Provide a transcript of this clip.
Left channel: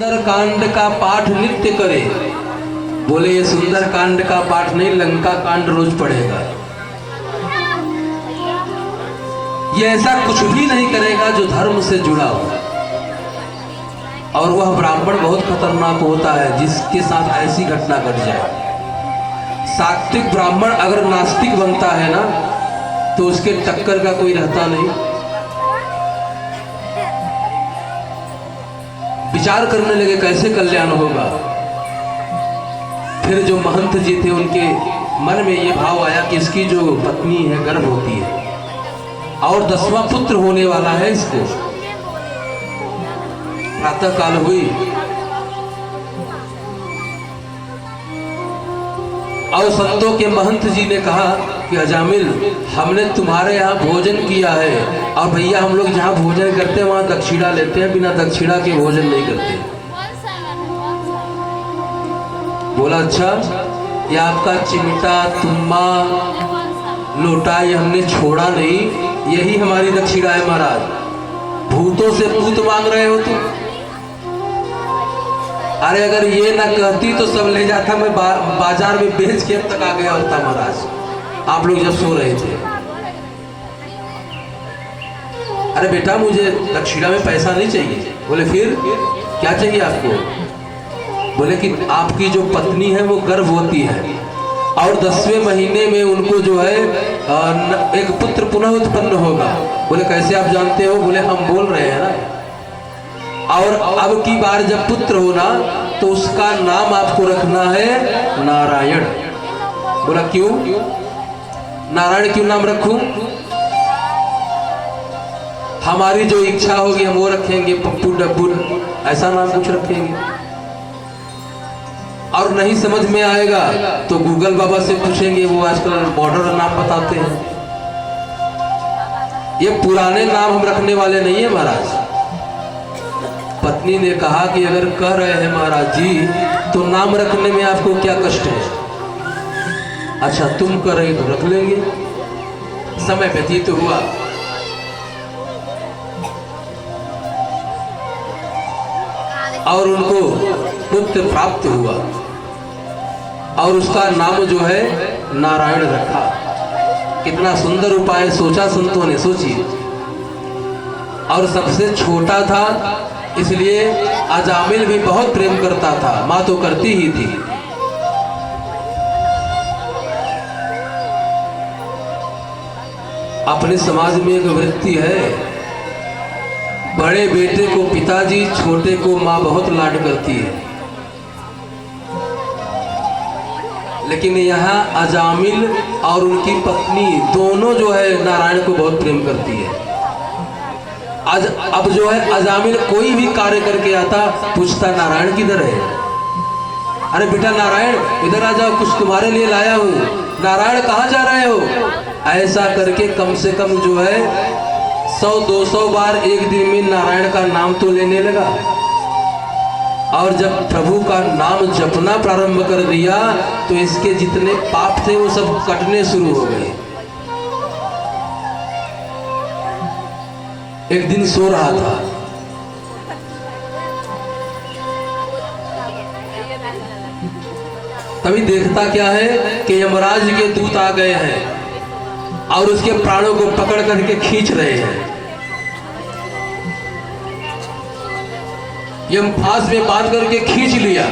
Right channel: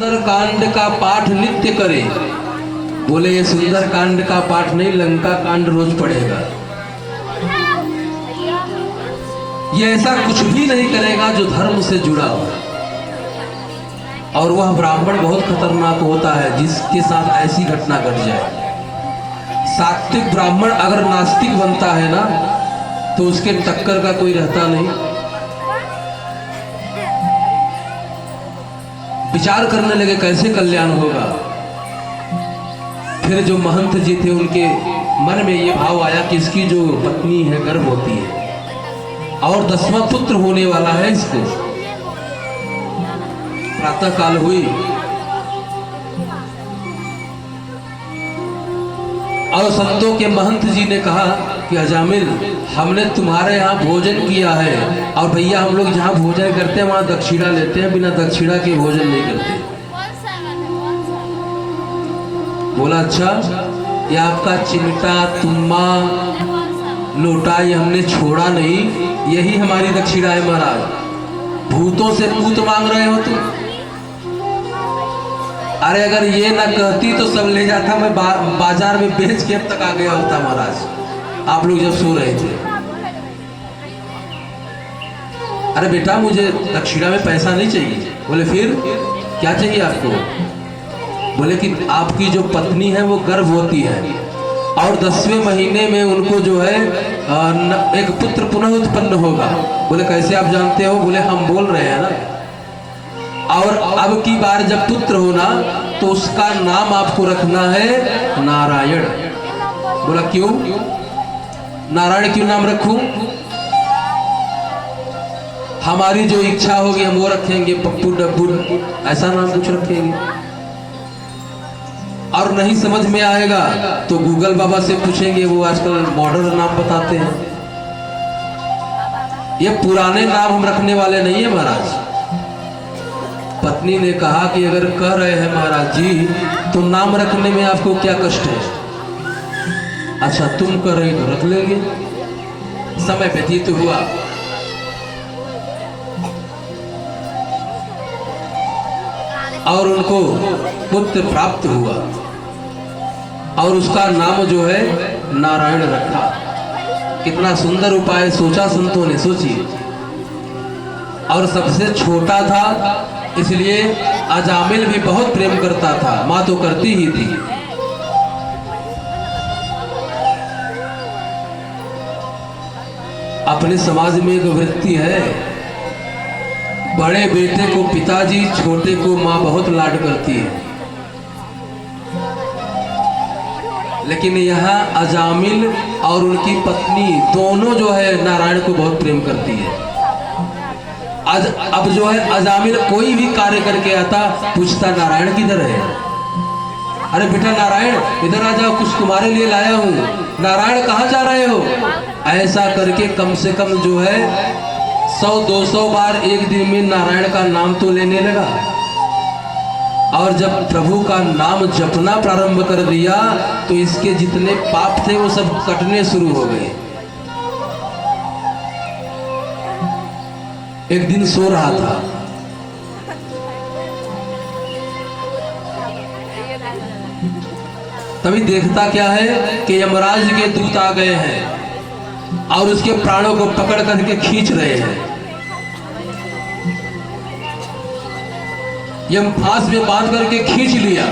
सुंदर कांड का पाठ नित्य करे। बोले ये सुंदर कांड का पाठ नहीं, लंका कांड रोज पढ़ेगा। ये ऐसा कुछ भी नहीं करेगा जो धर्म से जुड़ा हो। और वह ब्राह्मण बहुत खतरनाक होता है जिसके साथ ऐसी घटना घट जाए। सात्विक ब्राह्मण अगर नास्तिक बनता है ना तो उसके टक्कर का कोई रहता नहीं। विचार करने लगे कैसे कल्याण होगा। फिर जो महंत जी थे उनके मन में ये भाव आया कि इसकी जो पत्नी है गर्भवती है और 10वां पुत्र होने वाला है इसको। प्रातः काल हुई और संतों के महंत जी ने कहा कि अजामिल, हमने तुम्हारे यहाँ भोजन किया है और भैया हम लोग जहाँ भोजन करते हैं वहाँ दक्षिणा लेते हैं, बिना दक्षिणा के भोजन नहीं करते। बोला अच्छा, ये आपका चिमटा तुम्मा लोटा ये हमने छोड़ा नहीं, यही हमारी दक्षिणा है महाराज। भूतों से पूत मांग रहे हो तुम। अरे अगर ये ना कहती तो सब ले जाता, मैं बाजार में बेच के अब तक आ गया होता महाराज, आप लोग जब सो रहे थे। अरे बेटा मुझे दक्षिणा में पैसा नहीं चाहिए। बोले फिर क्या चाहिए आपको? बोले कि आपकी जो पत्नी है वो गर्भवती है और 10वें महीने में उनको जो है एक पुत्र पुनः उत्पन्न होगा। बोले कैसे आप जानते हो? बोले हम बोल रहे हैं ना। और अब की बार जब पुत्र होना तो उसका नाम आपको रखना है नारायण। बोला क्यों? नारायण क्यों नाम रखूं? हमारी जो इच्छा होगी हम वो रखेंगे, पप्पू डब्बू ऐसा नाम कुछ रखेंगे। और नहीं समझ में आएगा तो गूगल बाबा से पूछेंगे, वो आजकल बॉर्डर नाम बताते हैं। ये पुराने नाम हम रखने वाले नहीं है महाराज। पत्नी ने कहा कि अगर कह रहे हैं महाराज जी तो नाम रखने में आपको क्या कष्ट है? अच्छा तुम कर रहे तो रख लेंगे। समय व्यतीत हुआ और उनको पुत्र प्राप्त हुआ और उसका नाम जो है नारायण रखा। कितना सुंदर उपाय सोचा संतों ने, सोचिए। और सबसे छोटा था इसलिए अजामिल भी बहुत प्रेम करता था, मां तो करती ही थी। अपने समाज में एक व्यक्ति है, बड़े बेटे को पिताजी, छोटे को मां बहुत लाड करती है। लेकिन यहाँ अजामिल और उनकी पत्नी दोनों जो है नारायण को बहुत प्रेम करती है। अब जो है अजामिल कोई भी कार्य करके आता, पूछता नारायण किधर है? अरे बेटा नारायण इधर आ जाओ, कुछ तुम्हारे लिए लाया हूँ। नारायण कहाँ जा रहे हो? ऐसा करके कम से कम जो है 100-200 बार एक दिन में नारायण का नाम तो लेने लगा। और जब प्रभु का नाम जपना प्रारंभ कर दिया तो इसके जितने पाप थे वो सब कटने शुरू हो गए। एक दिन सो रहा था, तभी देखता क्या है कि यमराज के दूत आ गए हैं और उसके प्राणों को पकड़ करके खींच रहे हैं। यम फांस में बांध करके खींच लिया